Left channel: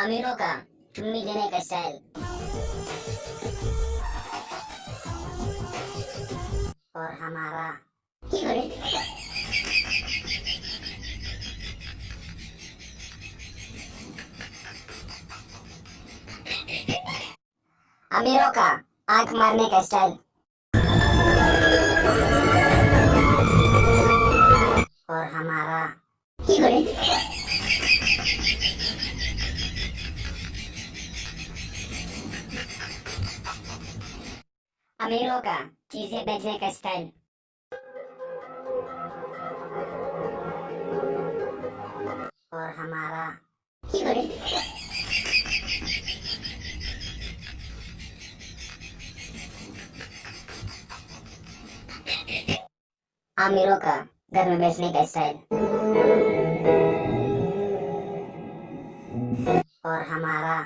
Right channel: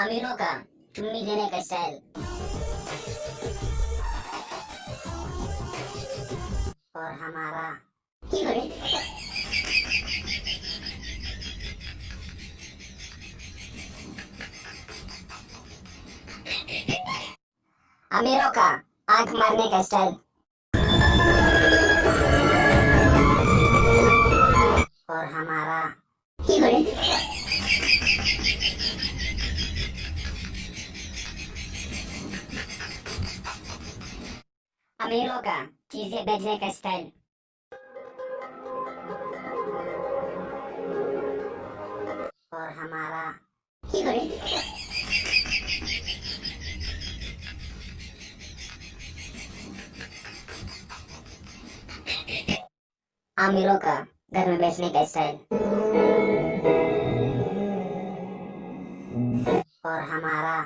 अमीरों का चुम्मी देने का स्टाइल और हमारा अमीरों का आंख मारने का स्टाइल और हमारा अमीरों का चीजें बेचने का स्टाइल और हमारा अमीरों का घर में बेचने का स्टाइल और हमारा